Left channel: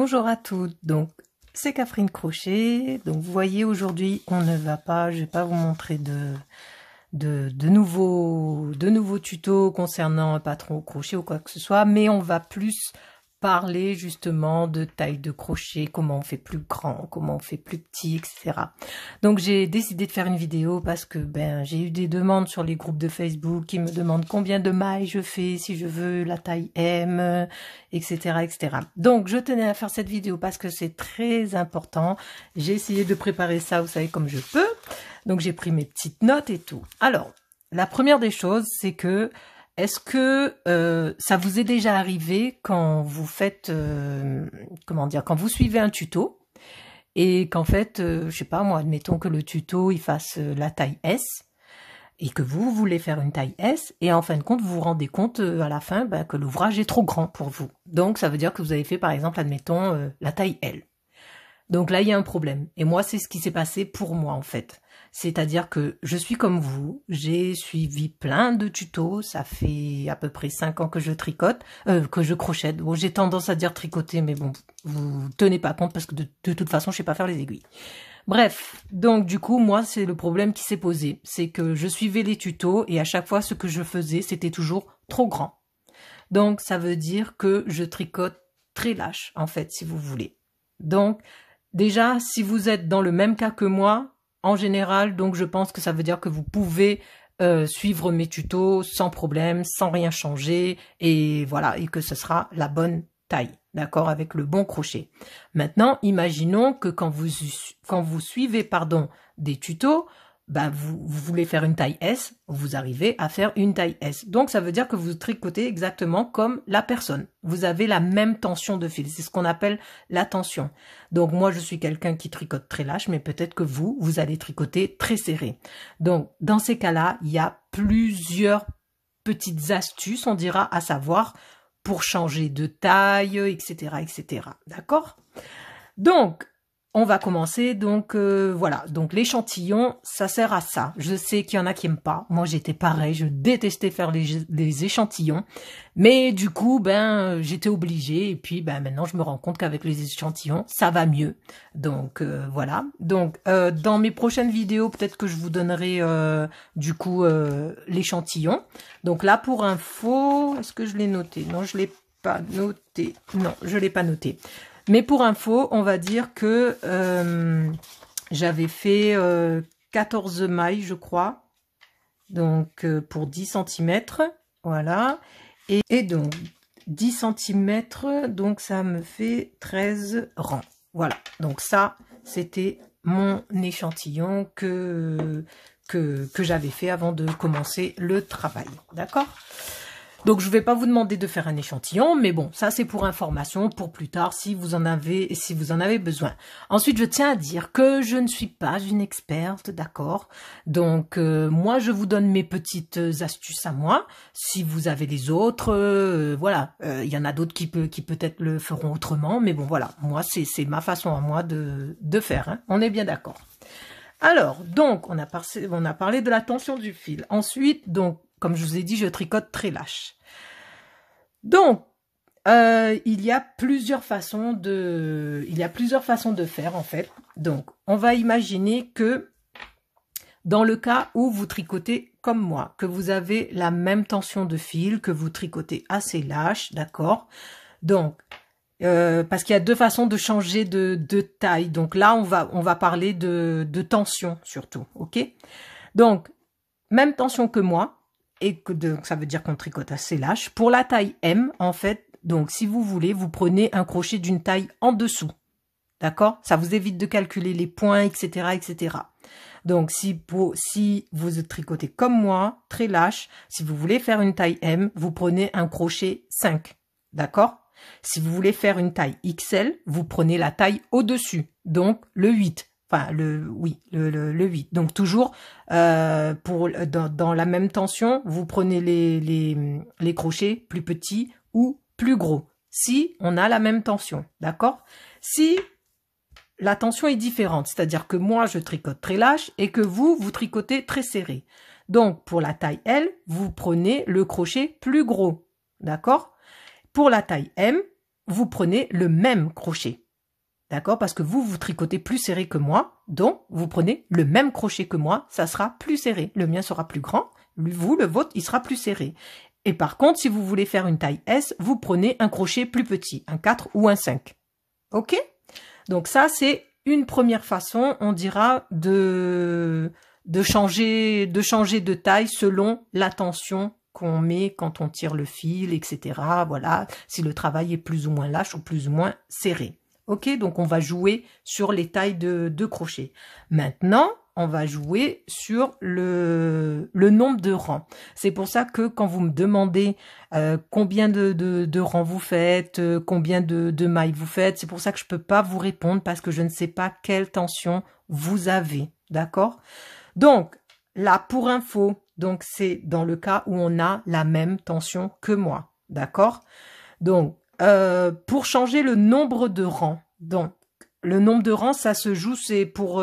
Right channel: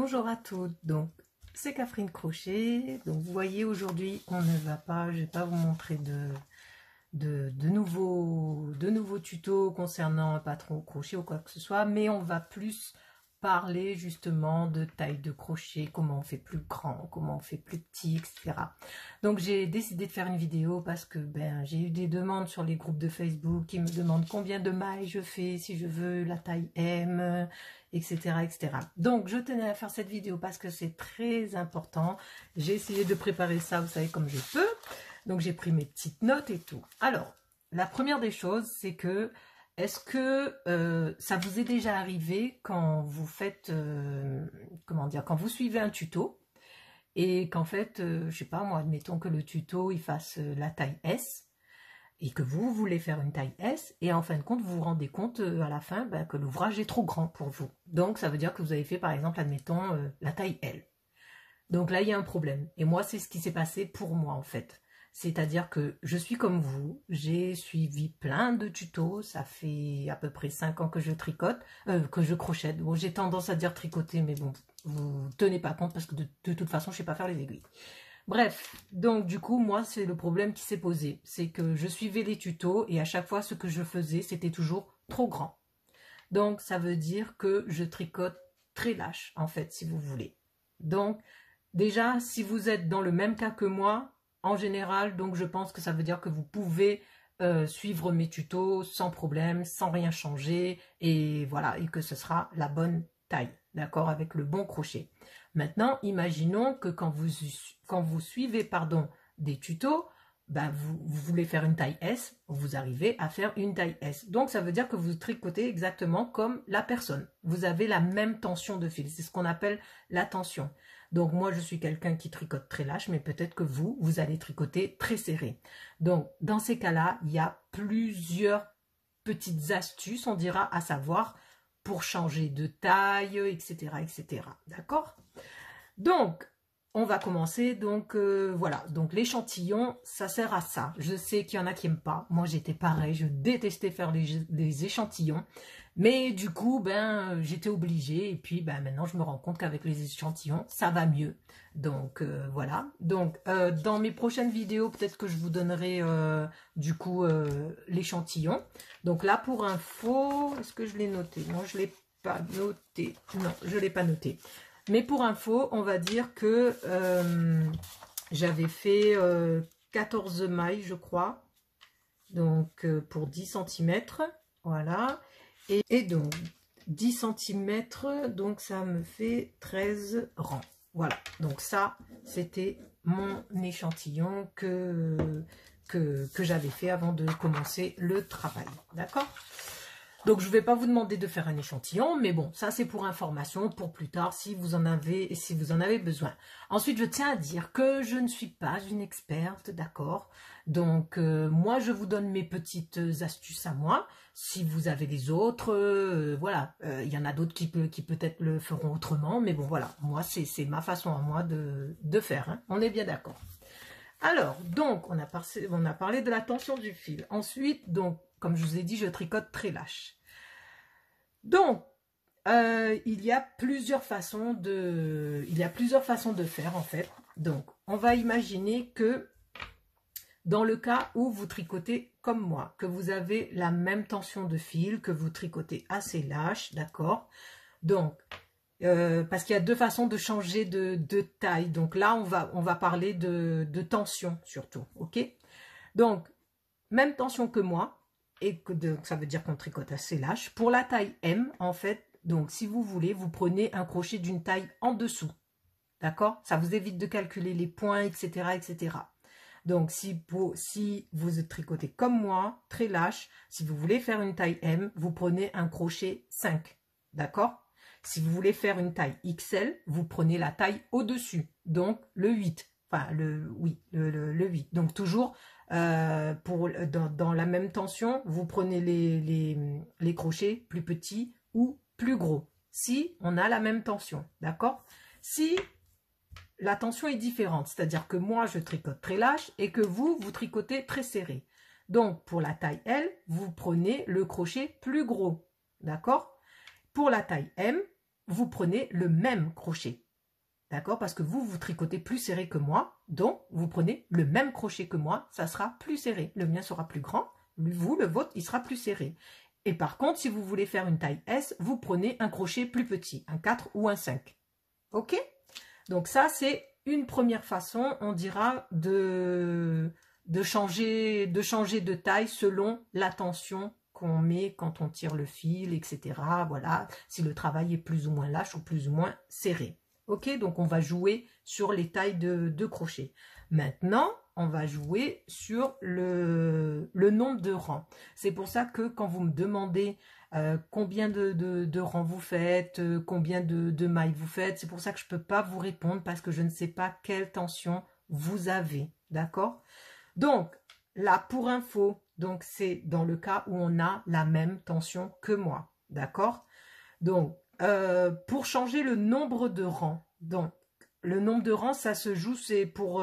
Bonjour à toutes, donc c'est Catherine Crochet. Donc vous voyez, aujourd'hui on ne va pas, je vais pas vous montrer de nouveaux tutos concernant un patron au crochet ou quoi que ce soit, mais on va plus parler justement de taille de crochet, comment on fait plus grand, comment on fait plus petit, etc. Donc j'ai décidé de faire une vidéo parce que j'ai eu des demandes sur les groupes de Facebook qui me demandent combien de mailles je fais, si je veux la taille M, etc., etc. Donc je tenais à faire cette vidéo parce que c'est très important. J'ai essayé de préparer ça, vous savez, comme je peux. Donc j'ai pris mes petites notes et tout. Alors, la première des choses, c'est que est-ce que ça vous est déjà arrivé quand vous faites, comment dire, quand vous suivez un tuto et qu'en fait, je sais pas moi, admettons que le tuto il fasse la taille S et que vous voulez faire une taille S et en fin de compte, vous vous rendez compte à la fin que l'ouvrage est trop grand pour vous. Donc ça veut dire que vous avez fait par exemple, admettons, la taille L. Donc là, il y a un problème. Et moi, c'est ce qui s'est passé pour moi, en fait. C'est-à-dire que je suis comme vous, j'ai suivi plein de tutos, ça fait à peu près 5 ans que je tricote, que je crochète. Bon, j'ai tendance à dire tricoter, mais bon, vous tenez pas compte parce que de toute façon, je sais pas faire les aiguilles. Bref, donc du coup, moi, c'est le problème qui s'est posé. C'est que je suivais les tutos et à chaque fois, ce que je faisais, c'était toujours trop grand. Donc, ça veut dire que je tricote très lâche, en fait, si vous voulez. Donc, déjà, si vous êtes dans le même cas que moi, en général, donc je pense que ça veut dire que vous pouvez suivre mes tutos sans problème, sans rien changer, et voilà, et que ce sera la bonne taille, d'accord, avec le bon crochet. Maintenant, imaginons que quand vous suivez, pardon, des tutos, vous voulez faire une taille S, vous arrivez à faire une taille S. Donc, ça veut dire que vous tricotez exactement comme la personne. Vous avez la même tension de fil. C'est ce qu'on appelle la tension. Donc, moi, je suis quelqu'un qui tricote très lâche, mais peut-être que vous allez tricoter très serré. Donc, dans ces cas-là, il y a plusieurs petites astuces, on dira, à savoir pour changer de taille, etc., etc. D'accord? Donc, on va commencer, donc voilà, donc l'échantillon, ça sert à ça. Je sais qu'il y en a qui n'aiment pas, moi j'étais pareil, je détestais faire les échantillons, mais du coup, j'étais obligée, et puis maintenant je me rends compte qu'avec les échantillons, ça va mieux. Donc voilà, donc dans mes prochaines vidéos, peut-être que je vous donnerai du coup l'échantillon. Donc là, pour info, est-ce que je l'ai noté? Non, je ne l'ai pas noté, non, je ne l'ai pas noté. Mais pour info, on va dire que j'avais fait 14 mailles, je crois. Donc, pour 10 cm. Voilà. Et donc, 10 cm, donc ça me fait 13 rangs. Voilà. Donc ça, c'était mon échantillon que j'avais fait avant de commencer le travail. D'accord ? Donc, je ne vais pas vous demander de faire un échantillon, mais bon, ça c'est pour information, pour plus tard, si vous en avez besoin. Ensuite, je tiens à dire que je ne suis pas une experte, d'accord? Donc, moi, je vous donne mes petites astuces à moi. Si vous avez les autres, voilà, il y en a d'autres qui peut-être le feront autrement, mais bon, voilà, moi, c'est ma façon à moi de faire, hein. On est bien d'accord. Alors, donc, on a parlé de la tension du fil. Ensuite, donc, comme je vous ai dit, je tricote très lâche. Donc, il y a plusieurs façons de faire, en fait. Donc, on va imaginer que dans le cas où vous tricotez comme moi, que vous avez la même tension de fil, que vous tricotez assez lâche, d'accord? Donc, parce qu'il y a deux façons de changer de taille. Donc là, on va parler de tension surtout, ok? Donc, même tension que moi, et donc ça veut dire qu'on tricote assez lâche. Pour la taille M, en fait, donc si vous voulez, vous prenez un crochet d'une taille en dessous, d'accord? Ça vous évite de calculer les points, etc., etc. Donc, si vous tricotez comme moi, très lâche, si vous voulez faire une taille M, vous prenez un crochet 5, d'accord? Si vous voulez faire une taille XL, vous prenez la taille au-dessus, donc le 8. Enfin, le 8. Donc, toujours, dans la même tension, vous prenez les crochets plus petits ou plus gros. Si on a la même tension, d'accord? Si la tension est différente, c'est-à-dire que moi, je tricote très lâche et que vous tricotez très serré. Donc, pour la taille L, vous prenez le crochet plus gros, d'accord? Pour la taille M, vous prenez le même crochet. D'accord? Parce que vous tricotez plus serré que moi, donc vous prenez le même crochet que moi, ça sera plus serré. Le mien sera plus grand, vous, le vôtre, il sera plus serré. Et par contre, si vous voulez faire une taille S, vous prenez un crochet plus petit, un 4 ou un 5. Ok? Donc ça, c'est une première façon, on dira, de changer de taille selon la tension qu'on met quand on tire le fil, etc. Voilà, si le travail est plus ou moins lâche ou plus ou moins serré. Ok, donc on va jouer sur les tailles de crochet. Maintenant, on va jouer sur le nombre de rangs. C'est pour ça que quand vous me demandez combien de rangs vous faites, combien de mailles vous faites, c'est pour ça que je ne peux pas vous répondre parce que je ne sais pas quelle tension vous avez. D'accord? Donc, là, pour info, donc c'est dans le cas où on a la même tension que moi. D'accord? Donc, pour changer le nombre de rangs, donc le nombre de rangs, ça se joue, c'est pour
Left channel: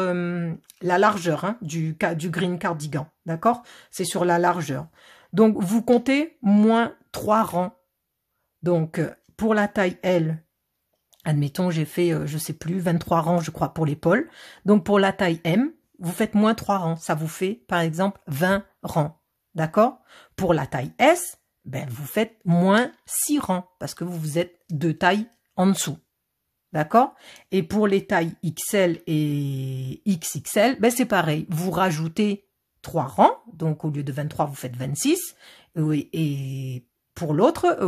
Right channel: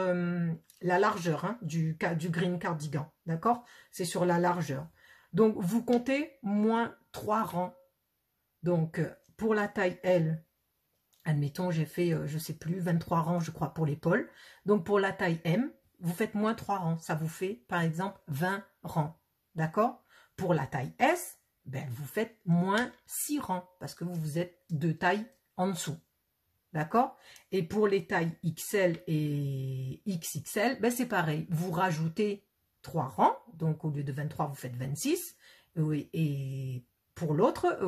la largeur hein, du green cardigan, d'accord? C'est sur la largeur. Donc, vous comptez moins 3 rangs. Donc, pour la taille L, admettons, j'ai fait, je sais plus, 23 rangs, je crois, pour l'épaule. Donc, pour la taille M, vous faites moins 3 rangs. Ça vous fait, par exemple, 20 rangs, d'accord? Pour la taille S, ben, vous faites moins 6 rangs parce que vous êtes 2 tailles en dessous. D'accord? Et pour les tailles XL et XXL, ben c'est pareil. Vous rajoutez 3 rangs. Donc, au lieu de 23, vous faites 26. Et pour l'autre,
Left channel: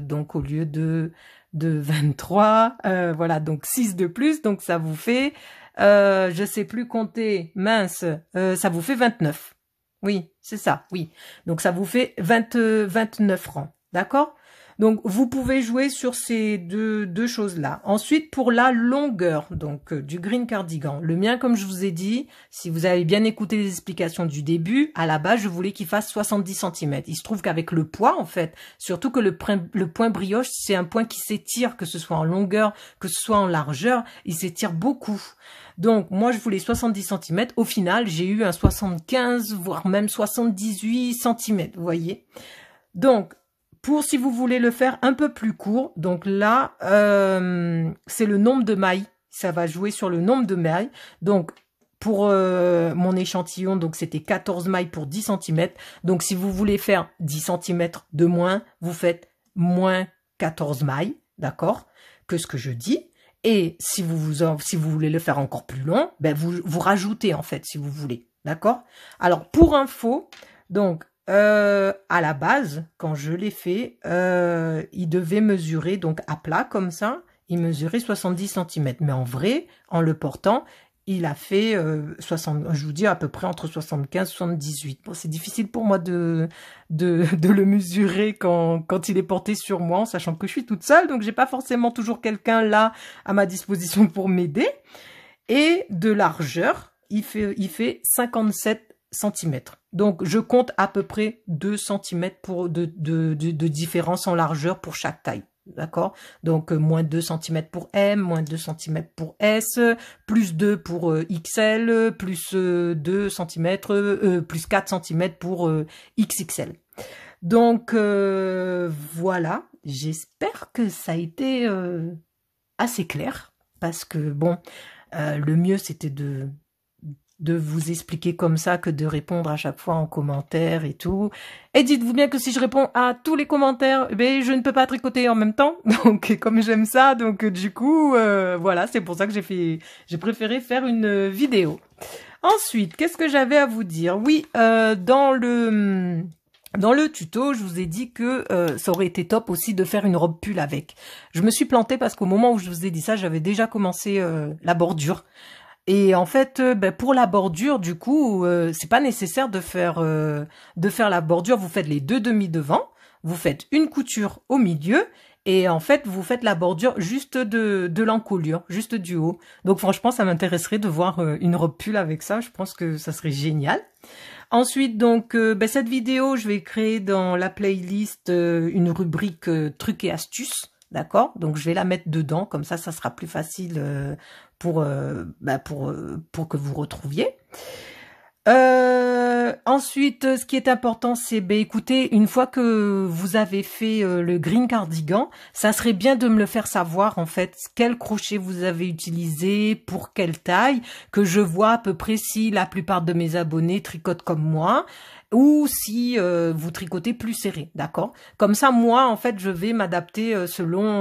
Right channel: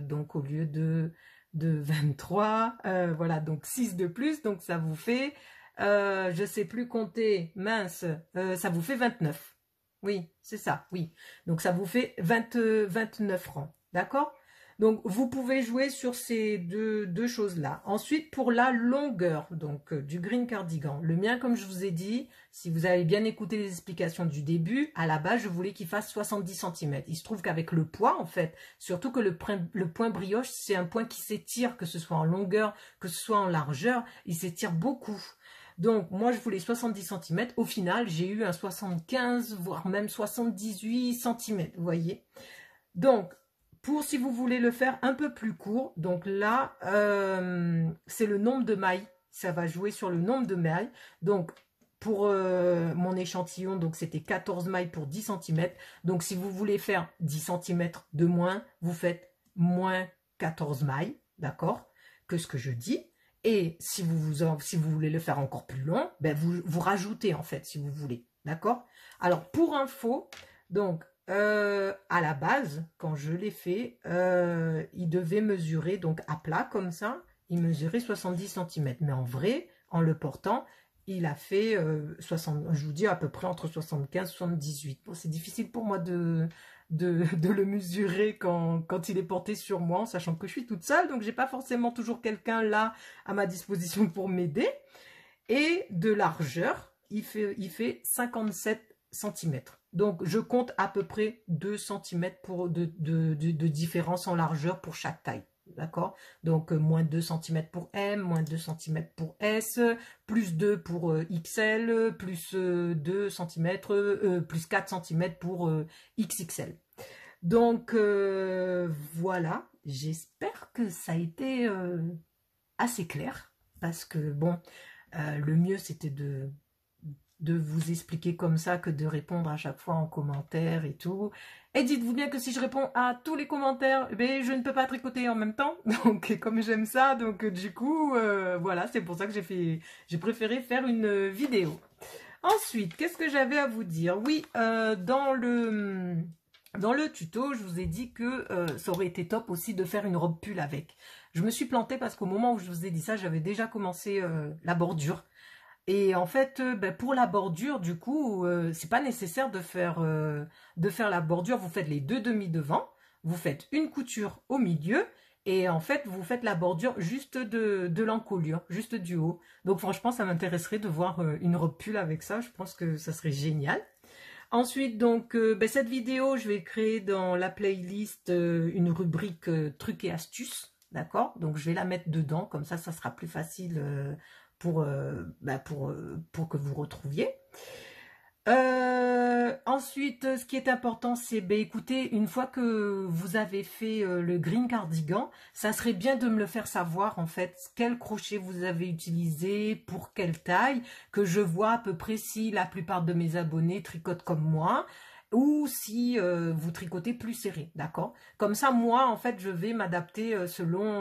donc au lieu de 23, voilà, donc 6 de plus. Donc, ça vous fait, je ne sais plus compter, mince, ça vous fait 29. Oui, c'est ça, oui. Donc, ça vous fait 29 rangs, d'accord? Donc, vous pouvez jouer sur ces deux choses-là. Ensuite, pour la longueur donc du green cardigan, le mien, comme je vous ai dit, si vous avez bien écouté les explications du début, à la base, je voulais qu'il fasse 70 cm. Il se trouve qu'avec le poids, en fait, surtout que le point brioche, c'est un point qui s'étire, que ce soit en longueur, que ce soit en largeur, il s'étire beaucoup. Donc, moi, je voulais 70 cm. Au final, j'ai eu un 75, voire même 78 cm, vous voyez. Donc, pour si vous voulez le faire un peu plus court, donc là, c'est le nombre de mailles. Ça va jouer sur le nombre de mailles. Donc, pour mon échantillon, donc c'était 14 mailles pour 10 cm. Donc, si vous voulez faire 10 cm de moins, vous faites moins 14 mailles, d'accord, que ce que je dis. Et si vous voulez le faire encore plus long, ben vous rajoutez en fait, si vous voulez. D'accord? Alors, pour info, donc, à la base, quand je l'ai fait, il devait mesurer, donc à plat comme ça, il mesurait 70 cm. Mais en vrai, en le portant, il a fait 60, je vous dis à peu près entre 75 et 78. Bon, c'est difficile pour moi de le mesurer quand il est porté sur moi, en sachant que je suis toute seule, donc j'ai pas forcément toujours quelqu'un là à ma disposition pour m'aider. Et de largeur, il fait 57 cm. Donc, je compte à peu près 2 cm de différence en largeur pour chaque taille. D'accord? Donc, moins 2 cm pour M, moins 2 cm pour S, plus 2 pour XL, plus 2 cm, plus 4 cm pour XXL. Donc, voilà. J'espère que ça a été assez clair. Parce que, bon, le mieux, c'était de vous expliquer comme ça que de répondre à chaque fois en commentaire et tout. Et dites-vous bien que si je réponds à tous les commentaires, ben, je ne peux pas tricoter en même temps. Donc, comme j'aime ça, donc du coup, voilà, c'est pour ça que j'ai préféré faire une vidéo. Ensuite, qu'est-ce que j'avais à vous dire? Oui, dans le tuto, je vous ai dit que ça aurait été top aussi de faire une robe pull avec. Je me suis plantée parce qu'au moment où je vous ai dit ça, j'avais déjà commencé la bordure. Et en fait, ben, pour la bordure, du coup, c'est pas nécessaire de faire la bordure. Vous faites les 2 demi devant, vous faites une couture au milieu, et en fait, vous faites la bordure juste de l'encolure, juste du haut. Donc franchement, ça m'intéresserait de voir une robe pull avec ça. Je pense que ça serait génial. Ensuite, donc, ben, cette vidéo, je vais créer dans la playlist une rubrique trucs et astuces. D'accord? Donc, je vais la mettre dedans. Comme ça sera plus facile pour que vous retrouviez. Ensuite, ce qui est important, c'est, ben, écoutez, une fois que vous avez fait le green cardigan, ça serait bien de me le faire savoir, en fait, quel crochet vous avez utilisé, pour quelle taille, que je vois à peu près si la plupart de mes abonnés tricotent comme moi, ou si vous tricotez plus serré, d'accord? Comme ça, moi, en fait, je vais m'adapter selon...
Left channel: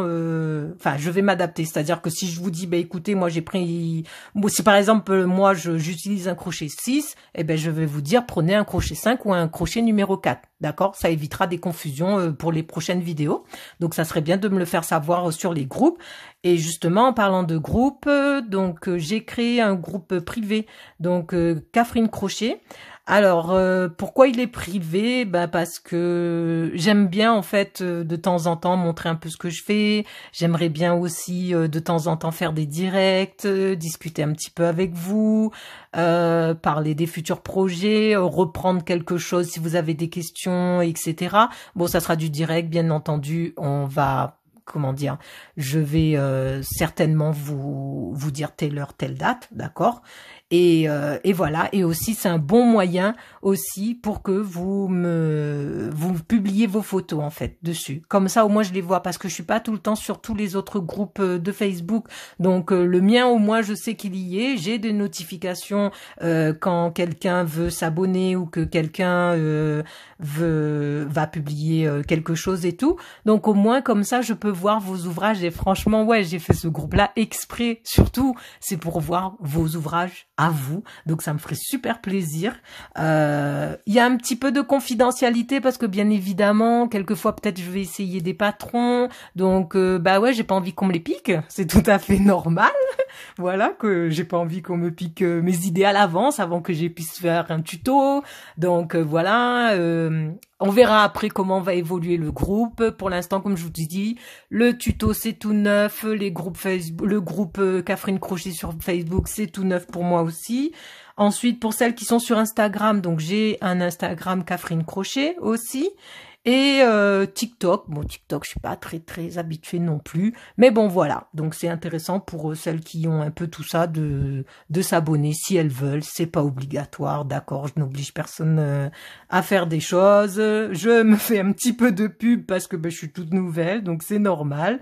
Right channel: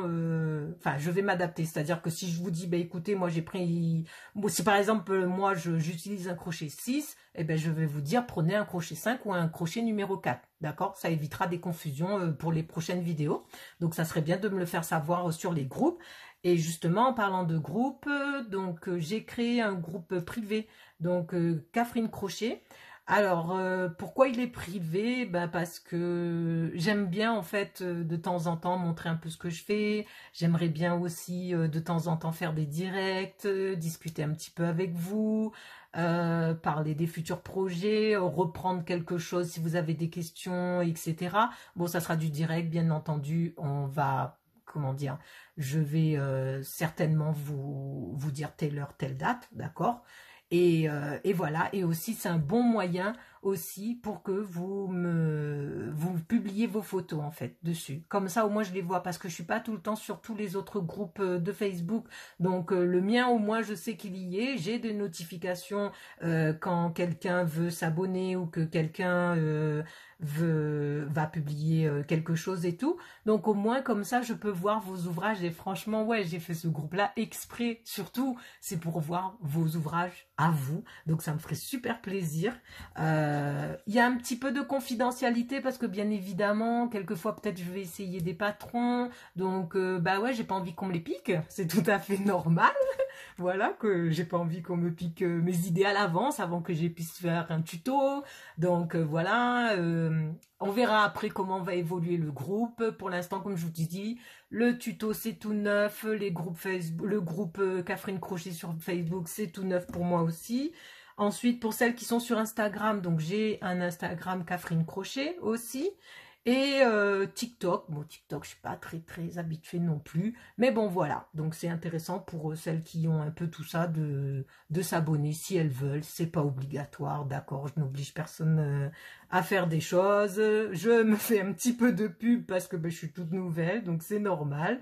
Enfin, je vais m'adapter, c'est-à-dire que si je vous dis, ben, écoutez, moi, j'ai pris... Bon, si par exemple, moi, j'utilise un crochet 6, eh ben, je vais vous dire, prenez un crochet 5 ou un crochet numéro 4, d'accord? Ça évitera des confusions pour les prochaines vidéos. Donc, ça serait bien de me le faire savoir sur les groupes. Et justement, en parlant de groupe, j'ai créé un groupe privé, donc Catherine Crochet. Alors, pourquoi il est privé? Ben, parce que j'aime bien, en fait, de temps en temps, montrer un peu ce que je fais. J'aimerais bien aussi, de temps en temps, faire des directs, discuter un petit peu avec vous, parler des futurs projets, reprendre quelque chose si vous avez des questions, etc. Bon, ça sera du direct, bien entendu. On va... Comment dire, je vais certainement vous dire telle heure, telle date, d'accord? Et voilà, et aussi c'est un bon moyen aussi pour que vous publiez vos photos en fait dessus. Comme ça au moins je les vois parce que je suis pas tout le temps sur tous les autres groupes de Facebook. Donc le mien au moins je sais qu'il y est. J'ai des notifications quand quelqu'un veut s'abonner ou que quelqu'un va publier quelque chose et tout. Donc au moins comme ça je peux voir vos ouvrages et franchement ouais j'ai fait ce groupe là exprès surtout c'est pour voir vos ouvrages à vous. Donc ça me ferait super plaisir. Il y a un petit peu de confidentialité parce que bien évidemment, quelquefois peut-être je vais essayer des patrons. Donc bah ouais, j'ai pas envie qu'on me les pique. C'est tout à fait normal. Voilà, que j'ai pas envie qu'on me pique mes idées à l'avance avant que je puisse faire un tuto. Donc voilà, on verra après comment va évoluer le groupe. Pour l'instant, comme je vous ai dit, le tuto c'est tout neuf, les groupes Facebook, le groupe Catherine Crochet sur Facebook c'est tout neuf pour moi aussi. Ensuite, pour celles qui sont sur Instagram, donc j'ai un Instagram Catherine Crochet aussi. Et TikTok, bon TikTok je suis pas très habituée non plus, mais bon voilà, donc c'est intéressant pour celles qui ont un peu tout ça de s'abonner si elles veulent, c'est pas obligatoire, d'accord, je n'oblige personne à faire des choses, je me fais un petit peu de pub parce que ben, je suis toute nouvelle, donc c'est normal,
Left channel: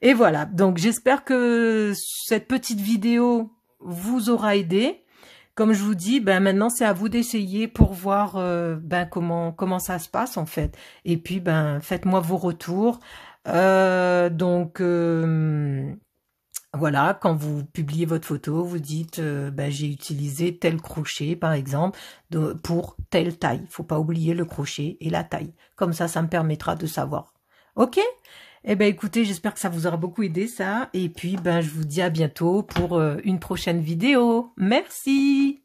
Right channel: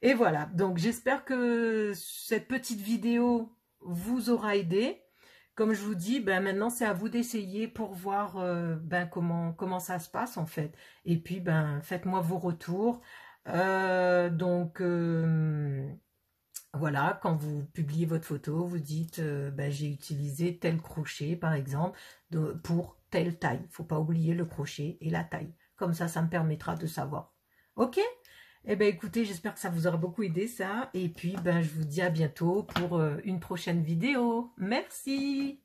et voilà, donc j'espère que cette petite vidéo vous aura aidé. Comme je vous dis, ben maintenant c'est à vous d'essayer pour voir ben comment ça se passe en fait. Et puis ben faites-moi vos retours. Voilà, quand vous publiez votre photo, vous dites ben, j'ai utilisé tel crochet par exemple pour telle taille. Il ne faut pas oublier le crochet et la taille. Comme ça me permettra de savoir. Ok? Eh ben écoutez, j'espère que ça vous aura beaucoup aidé ça. Et puis ben je vous dis à bientôt pour une prochaine vidéo. Merci!